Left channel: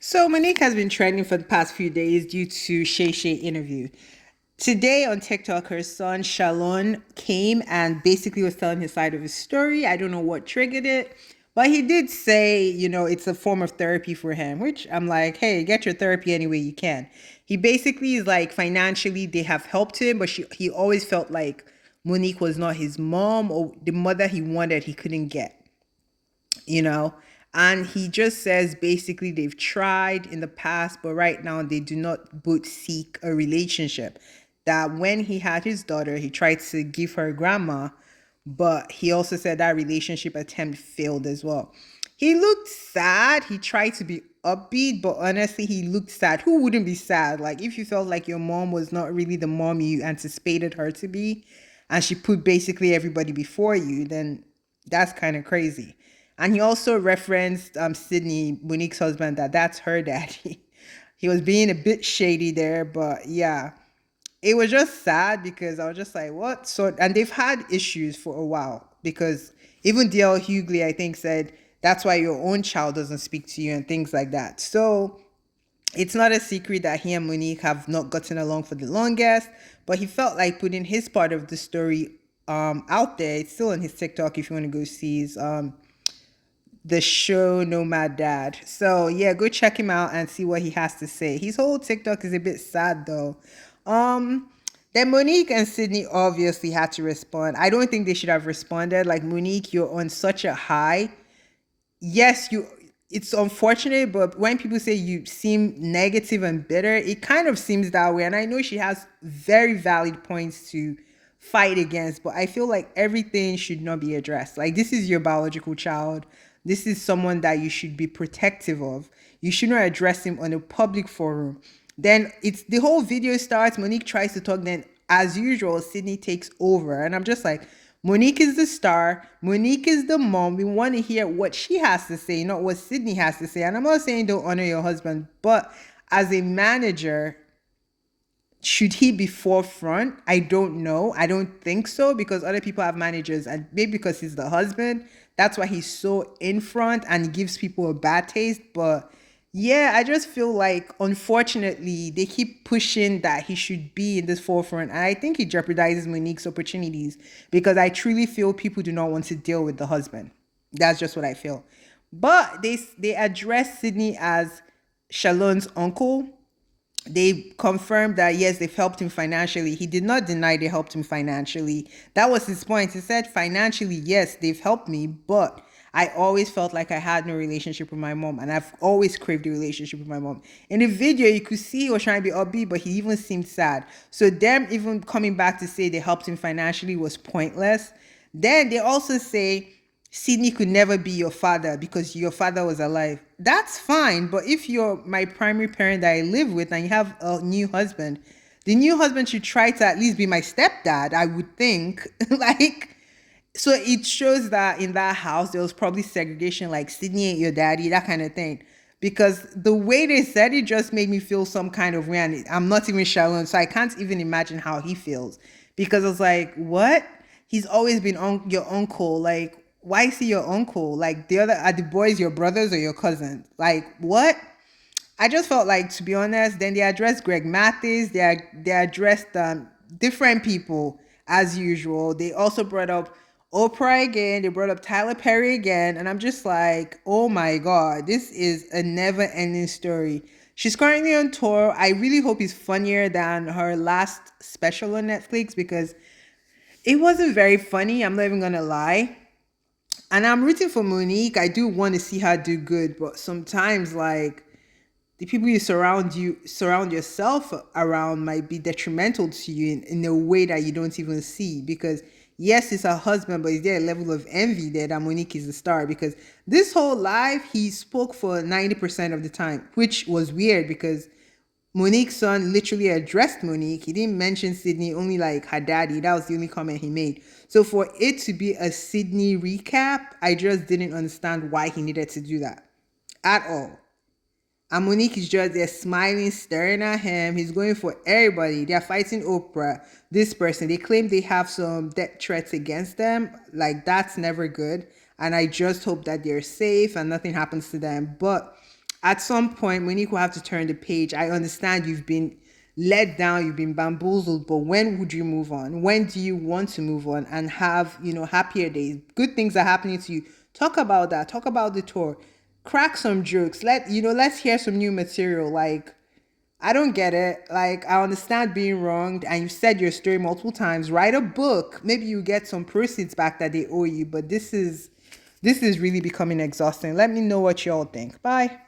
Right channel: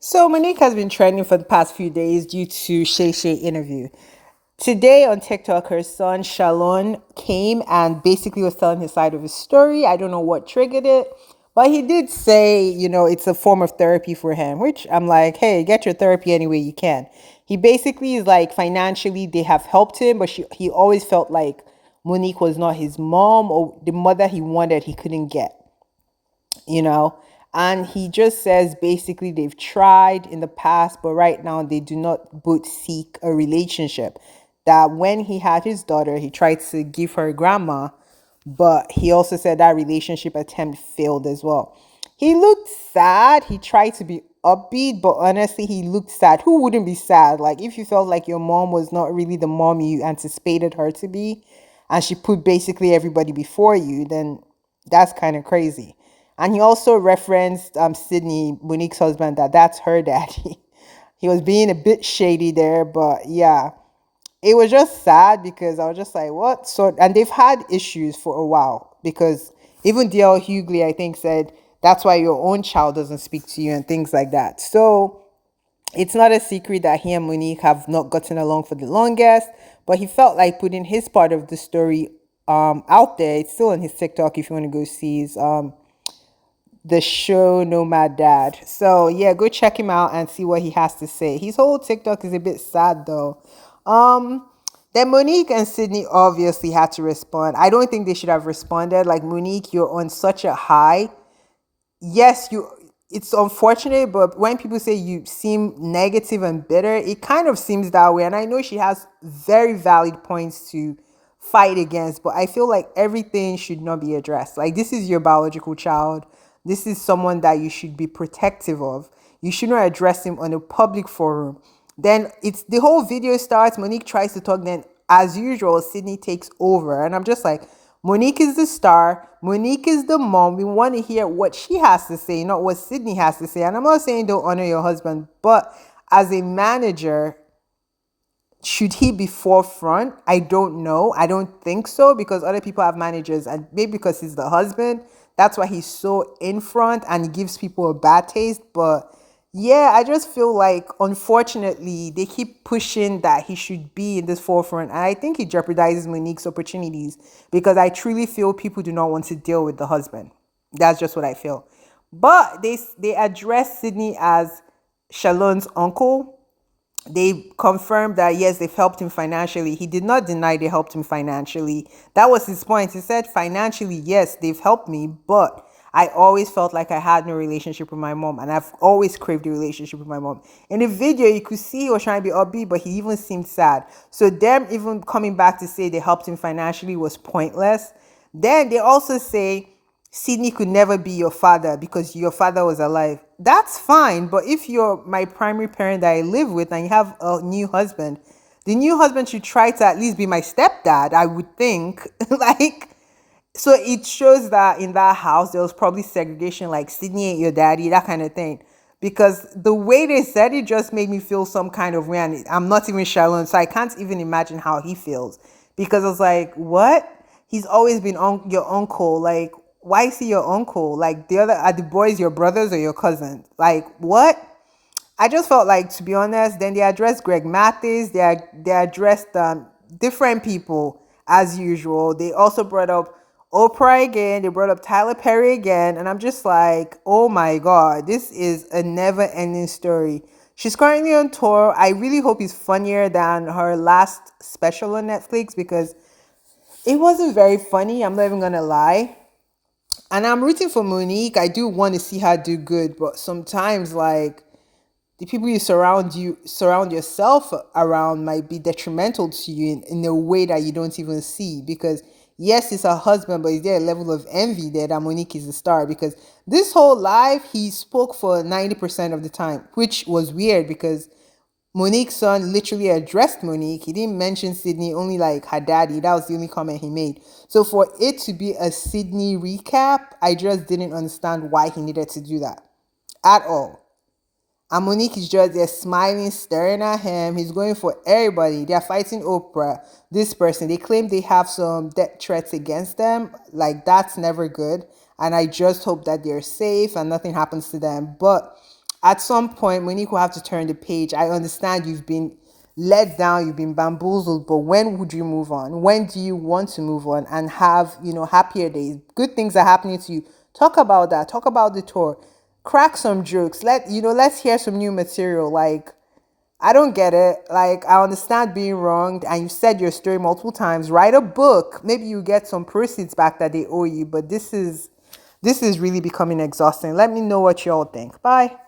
So Monique has been trending for the past few days due to Shay Shay interview. Today on TikTok, her son Shalon came and basically was telling his side of his story. I don't know what triggered it, but he did say, it's a form of therapy for him, which I'm like, hey, get your therapy any way you can. He basically is like financially they have helped him, but he always felt like Monique was not his mom or the mother he wanted he couldn't get you know and he just says basically they've tried in the past, but right now they do not both seek a relationship. That when he had his daughter, he tried to give her a grandma, but he also said that relationship attempt failed as well. He looked sad. He tried to be upbeat, but honestly he looked sad. Who wouldn't be sad? Like, if you felt like your mom was not really the mom you anticipated her to be, and she put basically everybody before you, then that's kind of crazy. And he also referenced Sydney, Monique's husband, that's her daddy. He was being a bit shady there, but yeah, it was just sad because I was just like, what? So, and they've had issues for a while because even DL Hughley, I think, said that's why your own child doesn't speak to you and things like that. So it's not a secret that he and Monique have not gotten along for the longest, but he felt like putting his part of the story out there. It's still on his TikTok if you want to go see his the show Nomad Dad. So yeah, go check him out and see what he has to say. His whole TikTok is a bit sad though. Um, then Monique and Sydney obviously had to respond. I don't think they should have responded. Like, Monique, you're on such a high. Yes, you. It's unfortunate, but when people say you seem negative and bitter, it kind of seems that way. And I know she has very valid points to fight against, but I feel like everything should not be addressed. Like, this is your biological child. This is someone that you should be protective of. You should not address him on a public forum. Then it's the whole video starts. Monique tries to talk. Then, as usual, Sydney takes over, and I'm just like, Monique is the star. Monique is the mom. We want to hear what she has to say, not what Sydney has to say. And I'm not saying don't honor your husband, but as a manager, should he be forefront? I don't know. I don't think so, because other people have managers, and maybe because he's the husband, that's why he's so in front and he gives people a bad taste. But yeah, I just feel like unfortunately they keep pushing that he should be in this forefront, and I think it jeopardizes Monique's opportunities because I truly feel people do not want to deal with the husband. That's just what I feel. But they address Sydney as Shalon's uncle. They confirmed that yes, they've helped him financially. He did not deny they helped him financially. That was his point. He said financially, yes, they've helped me, but I always felt like I had no relationship with my mom, and I've always craved a relationship with my mom. In the video, you could see he was trying to be upbeat, but he even seemed sad. So them even coming back to say they helped him financially was pointless. Then they also say Sydney could never be your father because your father was alive. That's fine, but if you're my primary parent that I live with and you have a new husband, the new husband should try to at least be my stepdad, I would think. Like, so it shows that in that house there was probably segregation, like Sydney ain't your daddy, that kind of thing. Because the way they said it just made me feel some kind of way, and I'm not even Shalom, so I can't even imagine how he feels. Because I was like, what? He's always been your uncle. Like, why is he your uncle? Like, the other are the boys your brothers or your cousins? Like, what? I just felt like, to be honest, then they addressed Greg Mathis. They addressed different people as usual. They also brought up Oprah again. They brought up Tyler Perry again, and I'm just like, oh my god, this is a never-ending story. She's currently on tour. I really hope it's funnier than her last special on Netflix because it wasn't very funny. I'm not even gonna lie. And I'm rooting for Monique. I do want to see her do good, but sometimes like the people you surround yourself around might be detrimental to you in a way that you don't even see. Because yes, it's her husband, but is there a level of envy there that Monique is the star? Because this whole life he spoke for 90% of the time, which was weird because Monique's son literally addressed Monique. He didn't mention Sydney, only like her daddy. That was the only comment he made. So for it to be a Sydney recap, I just didn't understand why he needed to do that at all. And Monique is just there smiling, staring at him. He's going for everybody. They're fighting Oprah, this person. They claim they have some death threats against them. Like, that's never good. And I just hope that they're safe and nothing happens to them. But At some point, Monique will have to turn the page. I understand you've been let down, you've been bamboozled, but when would you move on? When do you want to move on and have, happier days? Good things are happening to you. Talk about that. Talk about the tour. Crack some jokes. Let's hear some new material. Like, I don't get it. Like, I understand being wronged, and you said your story multiple times. Write a book. Maybe you get some proceeds back that they owe you, but this is really becoming exhausting. Let me know what y'all think. Bye.